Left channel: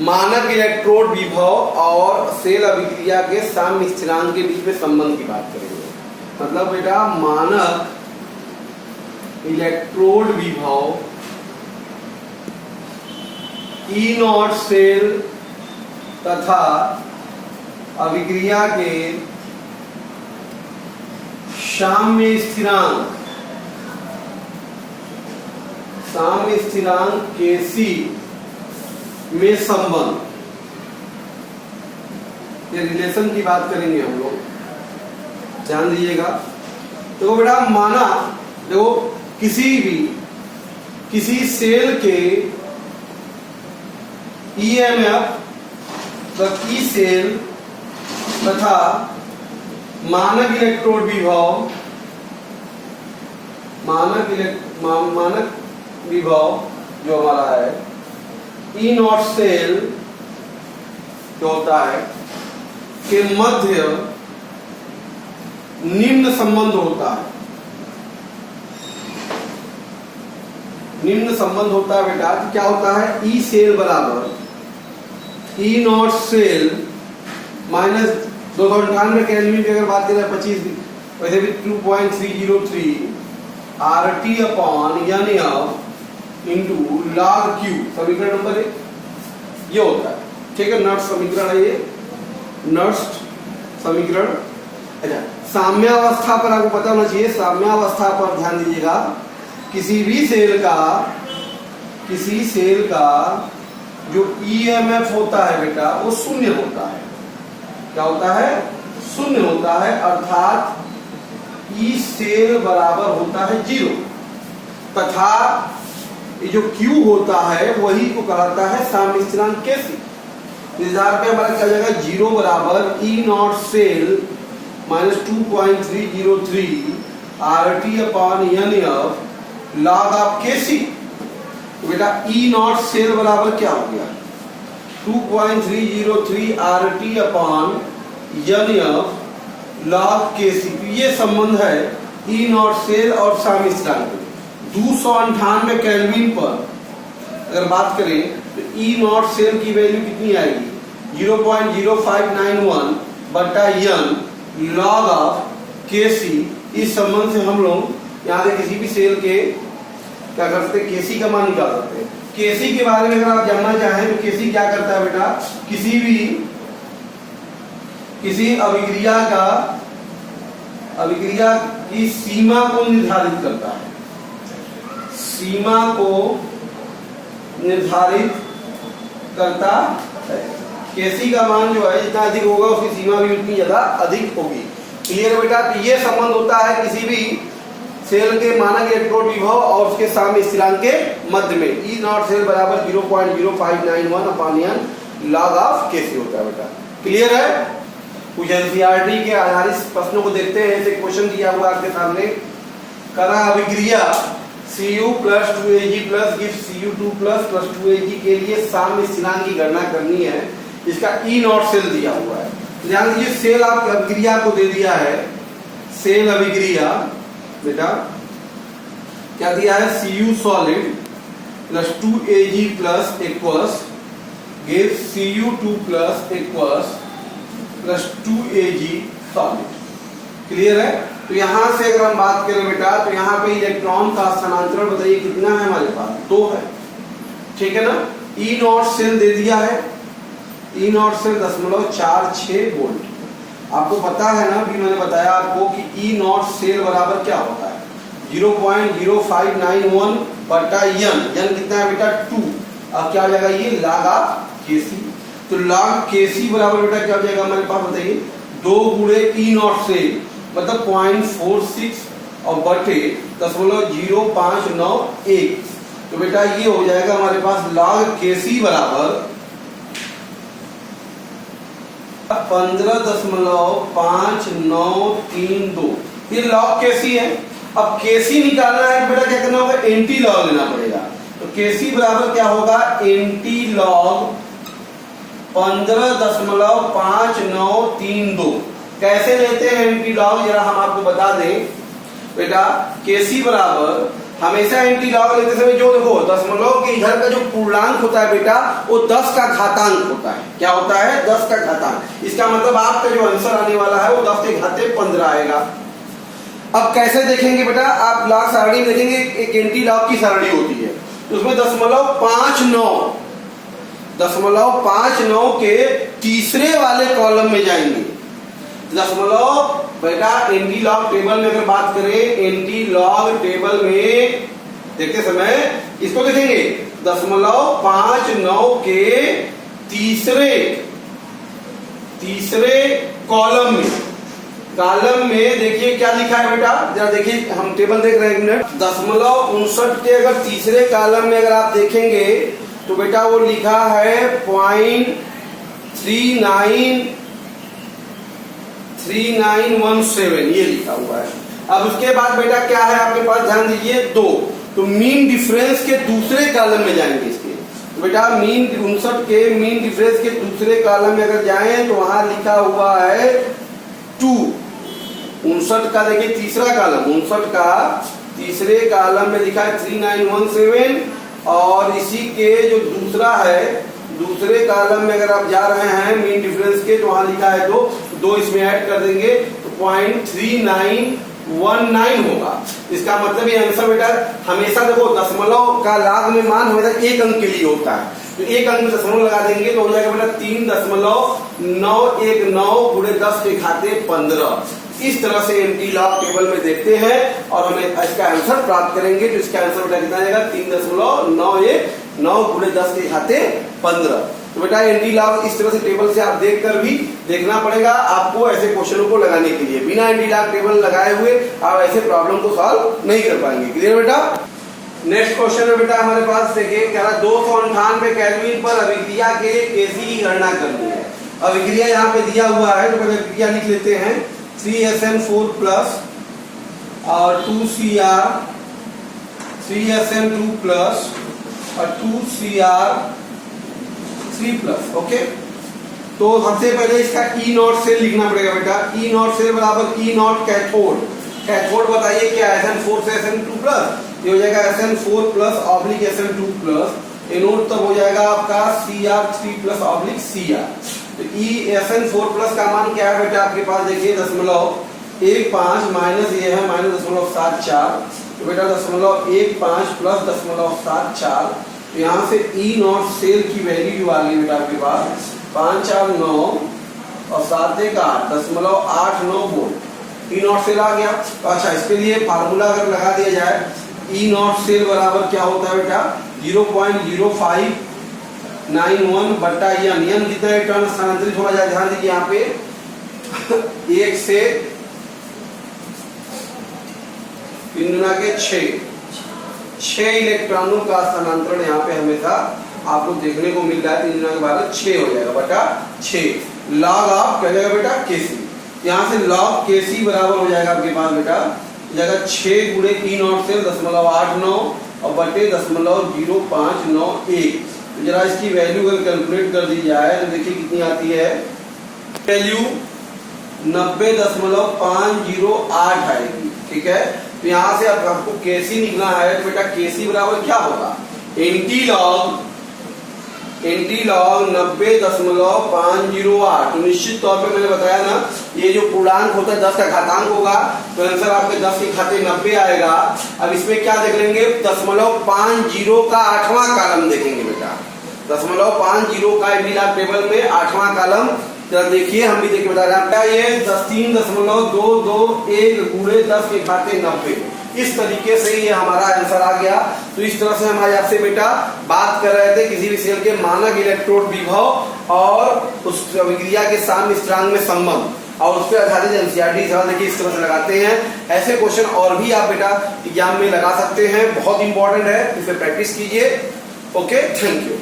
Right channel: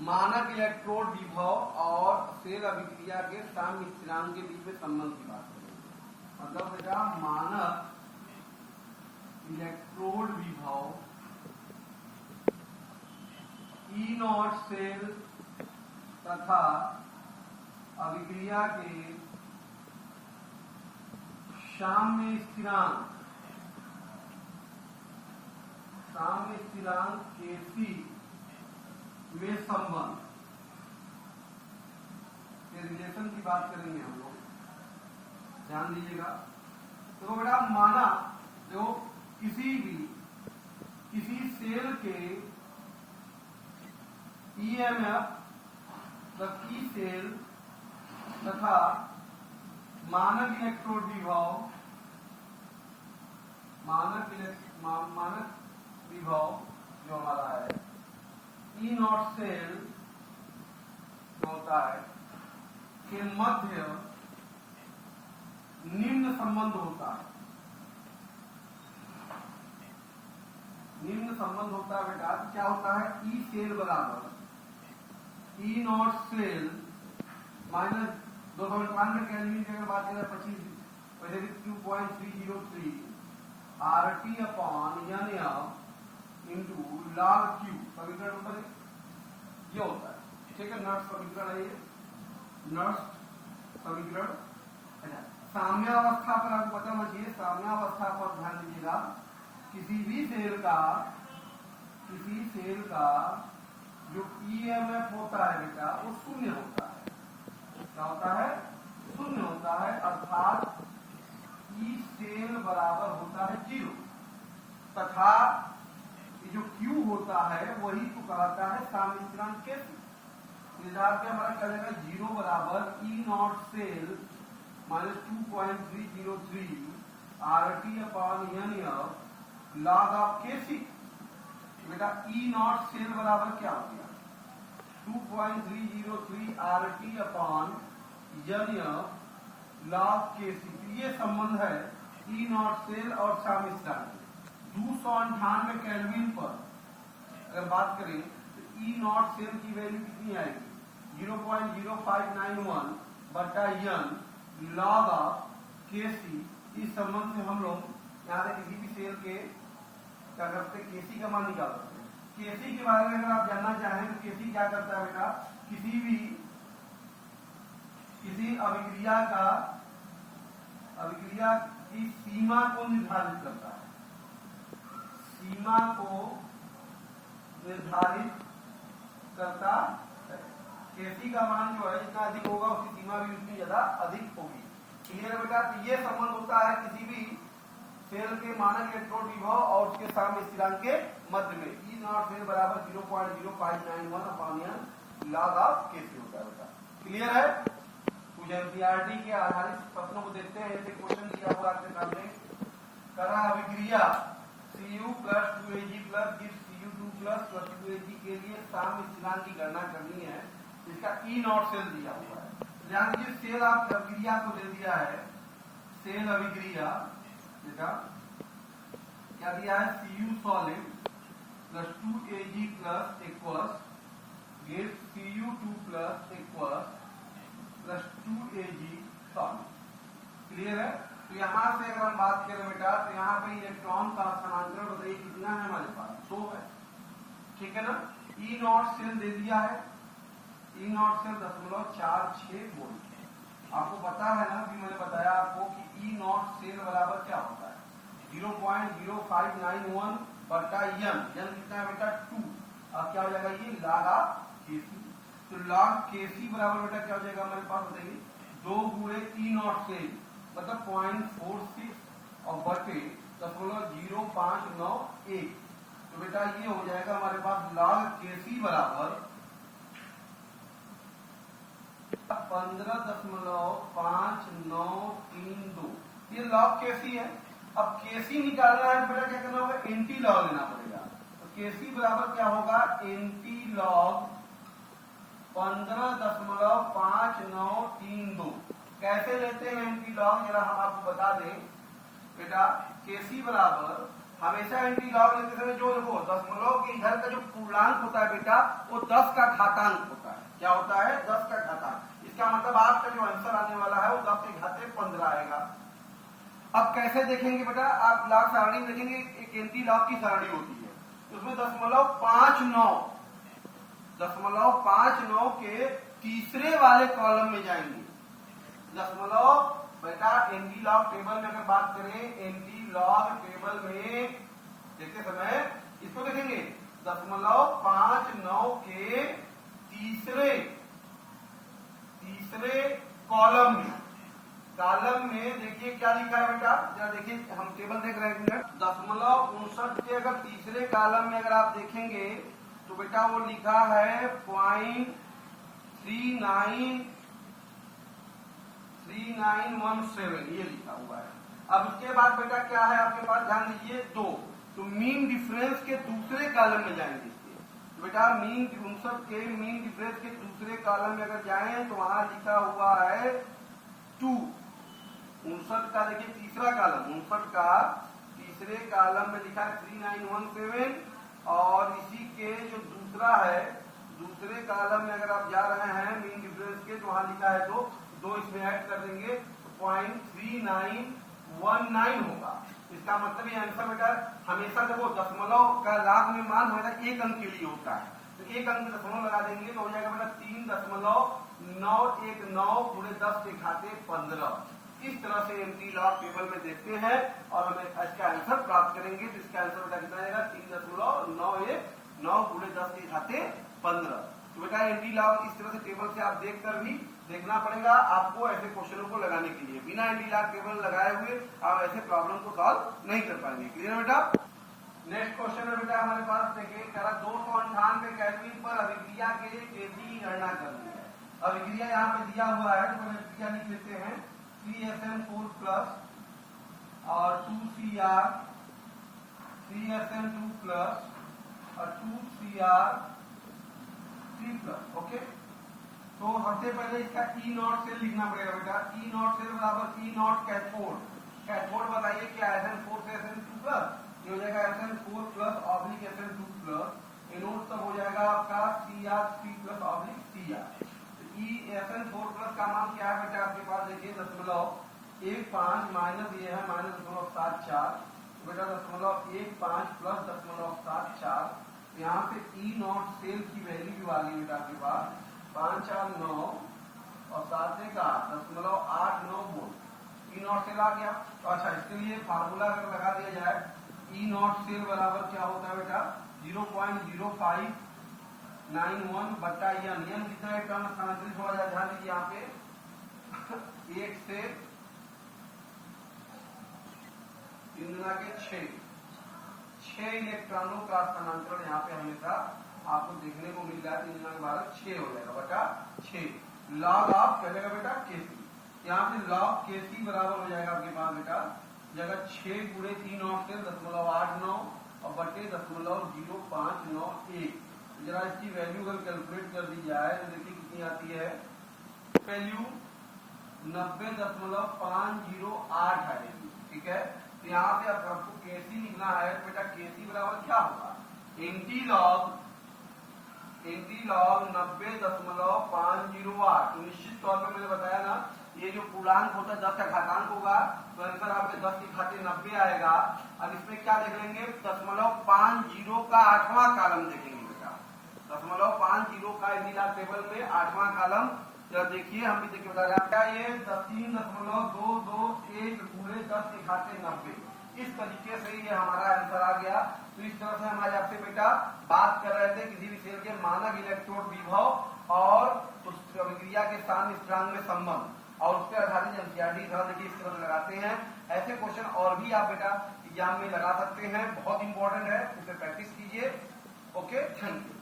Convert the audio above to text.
मानक इलेक्ट्रोड विभव और सेल अभिक्रिया के साम्य स्थिरांक के बीच में संबंध की बात करेंगे। मतलब बेटा मानक इलेक्ट्रोड विभव ई नॉट सेल तथा अभिक्रिया के साम्य स्थिरांक Kc में संबंध, ये रिलेशन की बात करेंगे हम लोग, ध्यान दीजिएगा। तो बेटा माना देखो किसी सेल के ईएमएफ ई सेल तथा मानक इलेक्ट्रोड विभव मानक विभव जो हमारा है ई नॉट सेल जो होता है के मध्य निम्न संबंध होता है। निम्न संबंध होता है बेटा, क्या होता है? ई सेल बराबर E naught cell minus 298 kelvin की अगर बात करें 25 वैसे भी 2.303 RT upon NF into log Q, समीकरण नंबर 1 ये होता है। ठीक है, नट्स समीकरण है ये, नट्स समीकरण। अच्छा, साम्यावस्था पर आपको पता होना चाहिए, साम्यावस्था पर ध्यान दीजिएगा। किसी सेल का जो ईएमएफ होता है बेटा वो शून्य होता है। क्या होता है? शून्य होता है, अर्थात ई सेल बराबर होता है 0 तथा ये जो Q होता है वही को कहलाता है साम्य स्थिरांक Kc। इस आधार पे हमारा क्या जाएगा? 0 बराबर E naught cell minus 2.303 RT upon NF log of Kc। तो बेटा ई नॉट सेल बराबर क्या हो गया? 2.303 RT upon NF log Kc। ये संबंध है ई नॉट सेल और साम्य स्थिरांक। 298 केल्विन पर अगर बात करें तो ई नॉट सेल की वैल्यू कितनी आएगी? 0.0591 बटा n log ऑफ Kc। इस संबंध से हम लोग यहाँ से किसी भी सेल के क्या कर सकते हैं? Kc का मान निकाल सकते हैं। Kc के बारे में अगर आप जानना चाहें तो Kc क्या करता है बेटा? किसी अभिक्रिया की सीमा को निर्धारित करता है। सीमा को निर्धारित करता है। Kc का मान जो है जितना अधिक होगा उसकी सीमा भी उतनी ज्यादा अधिक होगी। क्लियर बेटा? तो ये संबंध होता है किसी भी सेल के मानक इलेक्ट्रोड विभव और उसके साम्य स्थिरांक के मध्य में। ई नॉट सेल बराबर 0.0591 upon n log of Kc होता है बेटा। क्लियर है? कुछ एनसीईआरटी के आधारित प्रश्नों को देखते हैं। एक क्वेश्चन दिया हुआ आपके सामने, करा अभिक्रिया Cu plus 2Ag plus gives Cu2 plus 2Ag के लिए साम्य स्थिरांक की गणना करनी है। इसका ई नॉट सेल दिया हुआ है। ध्यान दीजिए, सेल आप अभिक्रिया को दे दिया है। सेल अभिक्रिया बेटा क्या दिया है? Cu solid plus 2Ag plus aqueous gives Cu2 plus aqueous plus 2Ag solid. Clear है? तो यहां से अगर हम बात करें बेटा तो यहाँ पे इलेक्ट्रॉन का स्थानांतरण बताइए कितना है हमारे पास? 2 है। ठीक है ना? ई नॉट सेल दे दिया है, ई नॉट सेल 0.46 वोल्ट। आपको पता है ना, भी मैंने बताया आपको कि ई नॉट सेल बराबर क्या होता है? 0.0591 बटा n कितना है बेटा? 2। अब क्या हो जाएगा? ये log ऑफ Kc। तो log Kc बराबर बेटा क्या हो जाएगा हमारे पास? बताइए, 2 गुणे ई नॉट सेल मतलब 0.46 और बटे 0.0591। तो बेटा ये हो जाएगा हमारे पास log Kc बराबर 15.5932। ये log Kc है। अब Kc निकालना है बेटा क्या करना होगा? एंटी लॉग लेना पड़ेगा। तो Kc बराबर क्या होगा? Anti log 15.5932। कैसे लेते हैं एंटी लॉग, जरा हम आपको बता दें बेटा। Kc बराबर हमेशा एंटी लॉग लेते समय जो देखो दशमलव के इधर का जो पूर्णांक होता है बेटा वो 10 का घातांक होता है। क्या होता है? 10 का घातांक। इसका मतलब आपका जो आंसर आने वाला है वो 10 के घाते 15 आएगा। अब कैसे देखेंगे बेटा? आप लॉग सारणी में देखेंगे, एक एंटी लॉग की सारणी होती है तो उसमें 0.59 के तीसरे वाले कॉलम में जाएंगे। दशमलव बेटा एंटी लॉग टेबल में अगर बात करें, एंटी लॉग टेबल में देखते समय इसको देखेंगे 0.59 के तीसरे कॉलम में देखिए क्या लिखा है बेटा, जरा देखिए, हम टेबल देख रहे हैं एक मिनट। 0.59 के अगर तीसरे कॉलम में अगर आप देखेंगे तो बेटा वो लिखा है 0.3917 ये लिखा हुआ है। अब उसके बाद बेटा क्या है आपके पास, ध्यान दीजिए 2, तो मीन डिफरेंस के दूसरे कॉलम में जाएंगे इसके। तो बेटा 59 के मीन डिफरेंस के दूसरे कॉलम में अगर जाएं तो वहां लिखा हुआ है 2। 59 का देखिए तीसरा कॉलम, 59 का तीसरे कॉलम में लिखा है 3917 और इसी के जो दूसरा है दूसरे कॉलम में अगर आप जा रहे हैं मीन डिफरेंस के तो वहां लिखा है 2 इसमें ऐड कर देंगे तो 0.3919 होगा। इसका मतलब ये आंसर बेटा हमेशा देखो दशमलव का लाग में मान हमेशा एक अंक के लिए होता है, तो एक अंक में दशमलव लगा देंगे तो हो जाएगा बेटा 3.919 गुणे 10 के घाते 15। इस तरह से एंटी लॉग टेबल में देखते हैं और हमें इसका आंसर प्राप्त करेंगे। तो इसका आंसर बेटा कितना आएगा? 3.919 गुणे 10 के घाते 15। तो बेटा एंटी लॉग इस तरह से टेबल से आप देखकर भी देखना पड़ेगा आपको ऐसे क्वेश्चनों को लगाने के लिए। बिना एंटी लॉग टेबल लगाए हुए आप ऐसे प्रॉब्लम को सॉल्व नहीं कर पाएंगे। क्लियर बेटा? नेक्स्ट क्वेश्चन है बेटा हमारे पास, देखिए कह रहा 298 केल्विन पर अभिक्रिया के लिए केसी की गणना करनी है। अभिक्रिया यहाँ पे दिया हुआ है तो पहले अभिक्रिया लिख लेते हैं। 3SN4 प्लस और 2Cr 3SN2 प्लस और 2Cr3 प्लस। ओके, तो सबसे पहले इसका E नॉट सेल लिखना पड़ेगा बेटा। E नॉट सेल बराबर E नॉट कैथोड। कैथोड बताइए क्या? SN4 से SN2 प्लस, ये हो जाएगा SN4 plus oblique SN2 plus. Anode तब हो जाएगा आपका Cr3 प्लस ऑब्लिक Cr। तो SN4 प्लस का मान क्या है बेटा आपके पास? देखिए 0.15 माइनस ये है -0.74, तो बेटा 0.15 प्लस 0.74। यहाँ से E नॉट सेल की वैल्यू जो आ गई बेटा आपके पास 549 और 7 का 0.89 वोल्ट। E नॉट सेल आ गया। तो अच्छा, इसके लिए फार्मूला अगर लगा दिया जाए, E नॉट सेल बराबर क्या होता है बेटा? 0.0591 बट्टा नियम जितना इलेक्ट्रॉन स्थानांतरित हो जाए, ध्यान दीजिए यहाँ पे 1 से 3 गुना के 6 इलेक्ट्रॉनों का स्थानांतरण यहाँ पे हमेशा आपको देखने को मिल रहा है। 3 गुना के 12 6 हो जाएगा बटा 6 लॉग ऑफ क्या जाएगा बेटा? केसी। यहाँ से लॉग केसी बराबर हो जाएगा आपके पास बेटा जगह 6 गुणे E नॉट सेल 0.89 और बटे 0.0591। तो जरा इसकी वैल्यू अगर कैलकुलेट कर दी जाए तो देखिए कितनी आती है। वैल्यू 90.508 आएगी। ठीक है, तो यहाँ से अब आपको केसी निकलना है तो बेटा केसी बराबर क्या होगा? Anti log 90.508। तो निश्चित तौर पे मैंने बताया ना, ये जो पूर्णांक होता है 10 का घातांक होगा तो आंसर आपके 10 के घाते 90 आएगा। अब इसमें क्या देख लेंगे? 0.50 का 8वां कॉलम देखेंगे बेटा। 0.50 का एंटी लॉग टेबल में 8वां कॉलम जरा देखिए, हम भी देखिए बता रहे हैं ये 3.221 गुणे 10 के घाते 90। इस तरीके से ये हमारा आंसर आ गया। तो इस तरह से हम आज आपसे बेटा बात कर रहे थे किसी भी सेल के मानक इलेक्ट्रोड विभव और उस अभिक्रिया के साम्य स्थिरांक में संबंध और उस पर आधारित एनसीईआरटी सवाल देखिए इस तरह से लगाते हैं। ऐसे क्वेश्चन और भी आप बेटा एग्जाम में लगा सकते हैं, बहुत इंपॉर्टेंट है, इसे प्रैक्टिस कीजिए। Okay, thank you.